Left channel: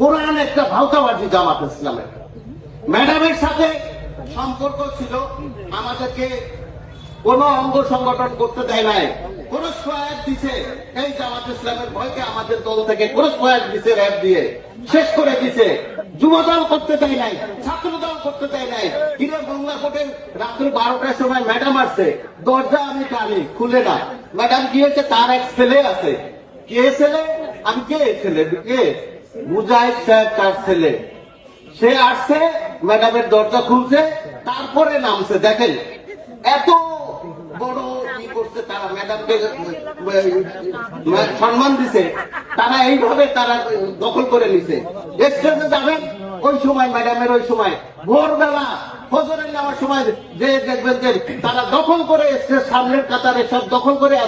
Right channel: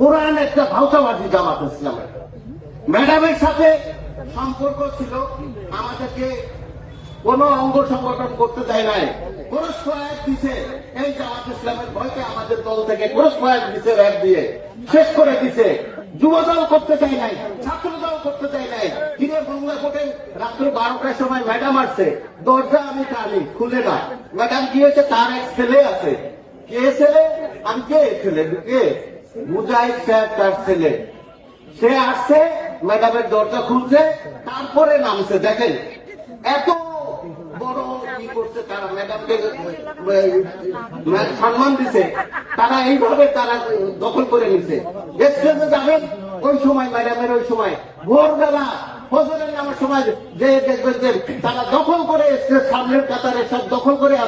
কোরআন একটা ভাওতাবাজি জামাত ইসলামের। ম্যাডামের সাথে সম্পর্ক ছিল, আমাদেরকে কোন অঙ্গ সংগঠন করতে দেয় নাই, কোন সহায়ক দিছে এই জামাত ইসলামের ভয়কে আমাদের দল থেকে কোন সহায়ক দিছে, র্যাব দিয়ে শেষ করে দিছে। যুবদল করতে দেয় নাই, ছাত্রদল করতে দেয় নাই। কিন্তু বাংলা কোর্টের রাত্র 12টার সময় ম্যাডাম আসছে, দরজা আমি টানি, খুলে না। ম্যাডাম গিয়েছে, তার এক ছেলে আছে। কে ছেলে? আমি কে ছেলে? কে? মুজাহিদ সাহেব তার ছেলে। সে আসছে, ম্যাডামের দরজা খুলছে, তারপরে নামছে। দেখেন এত বড় কি করছে তারা, ম্যাডামকে সম্মান দিছে, তারা এইভাবে তারা দখল করে নিছে। স্টেজে যাবেন ওই সময়, ম্যাডামের ওই সময় ভোরবেলা ফজরে নেওয়ার সময় যে দেখবেন যে তারা দখল করে স্টেজ সামনের কাতারে সব দখল করে আছে।